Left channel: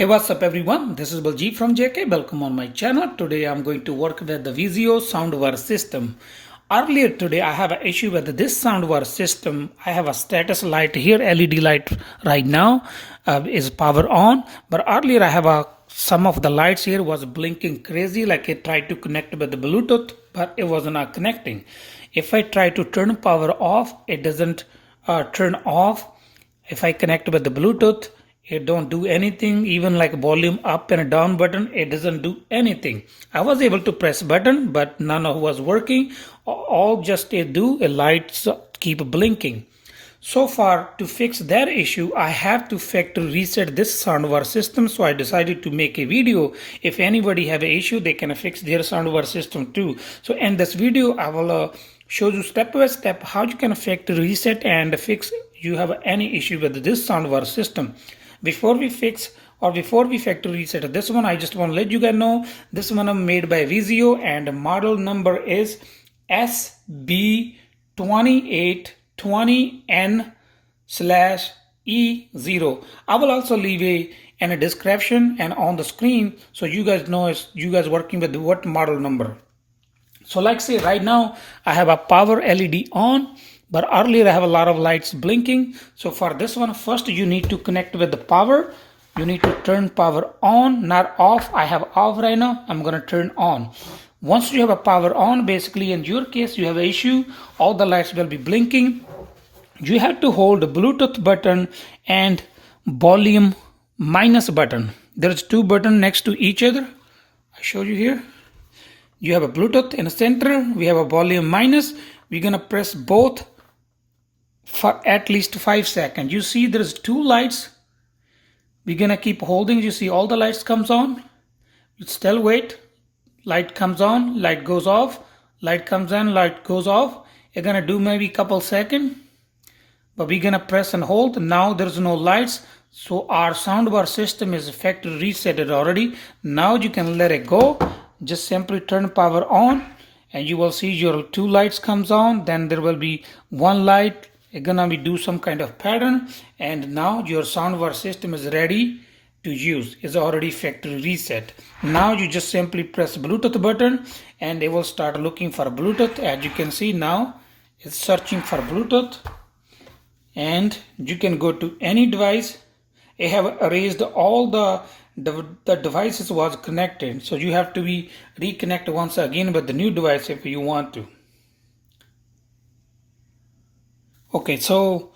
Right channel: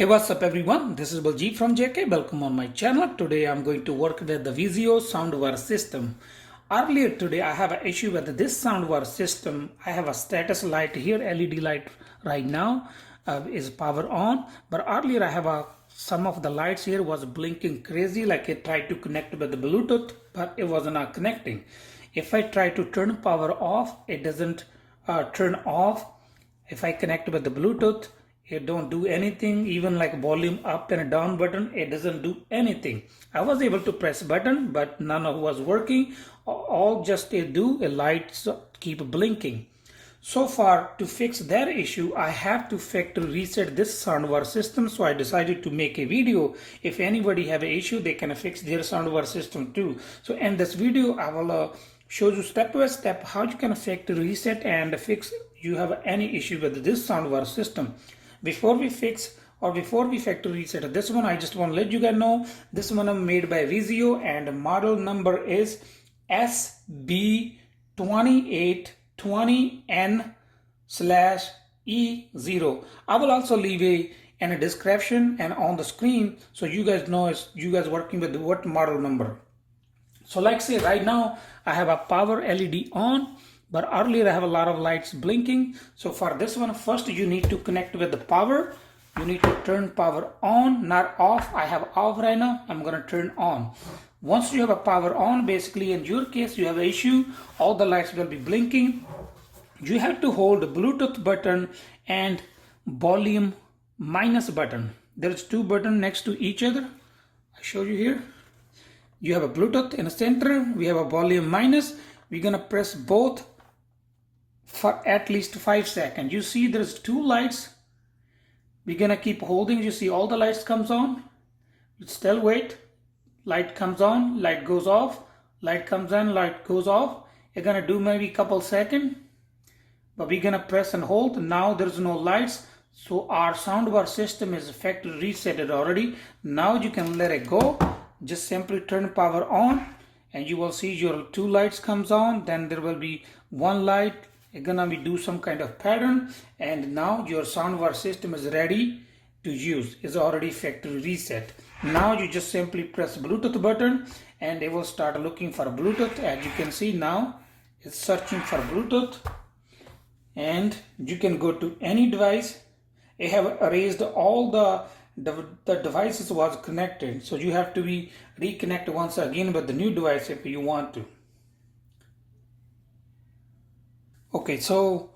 Hey, what's up everyone? This is Baljit from JK. Welcome on my channel. Today I'm going to work with the Vizio Soundbar system. Earlier today I have an issue with this Soundbar system. I have a status light here, LED light right now is power on. But earlier I have some of the lights here was blinking crazy, like it tried to connect with the Bluetooth, but it was not connecting. If I try to turn power off, it doesn't turn off. If I connect with the Bluetooth, it don't do anything. Even like volume up and down button, it doesn't do anything. I was able to press button, but none of was working. All just it do, a lights keep blinking. So far, to fix that issue, I have to factory reset this soundbar system. So I decided to make a video. If anybody have an issue, they can fix their soundbar system too. So in this video, I will show you step by step how you can factory reset and fix you have any issue with this soundbar system. Before we factory reset this one, I just want to let you guys know this one is made by Vizio and model number is SB2820n-E0. I will also leave in a description and on the screen so you guys know you guys working with what model number. So like say right now I have a power LED on, but earlier I have a lot of lights blinking. So for this one, first you need to connect with the power. You need to turn power on, not off. I have off right now. I'm going to turn on. Once you have a power on, basically in your case, you have an issue. All the lights will be blinking. You have to hold the Bluetooth button and volume minus button. There's two buttons next to each other. I show you here. You have a Bluetooth in the center. We have a volume minus. We're going to press both for at least 5 seconds. You see there's two lights. We're gonna keep holding. You see all the lights comes on. Still wait. Light comes on, light goes off, light comes on, light goes off. You're gonna do maybe a couple seconds, but we're gonna press and hold. Now there's no lights, so our soundbar system is factory resetted already. Now you can let it go. Just simply turn power on and you will see your two lights comes on. Then there will be one light. It's gonna be do some kind of pattern, and now your soundbar system is ready to use. It's already factory reset. Now you just simply press Bluetooth button and it will start looking for Bluetooth. As you can see now, it's searching for Bluetooth, and you can go to any device. I have erased all the devices was connected, so you have to be reconnect once again with the new device if you want to. Okay, so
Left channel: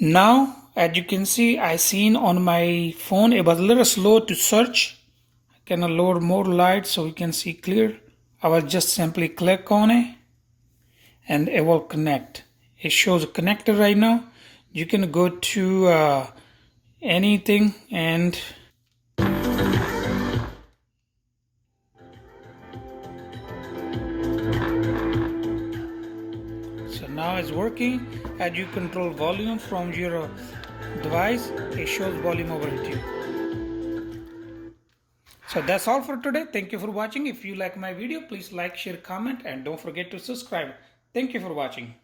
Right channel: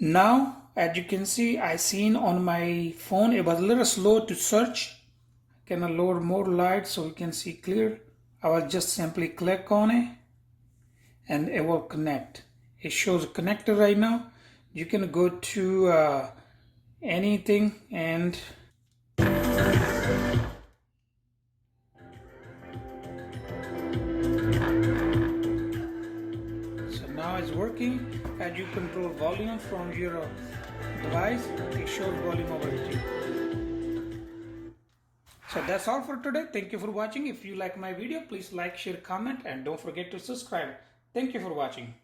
now as you can see, I seen on my phone it was a little slow to search. I can load more light so we can see clear. I will just simply click on it and it will connect. It shows connected right now. You can go to anything and now it's working. As you control volume from your device, it shows volume over here. So that's all for today. Thank you for watching. If you like my video, please like, share, comment, and don't forget to subscribe. Thank you for watching.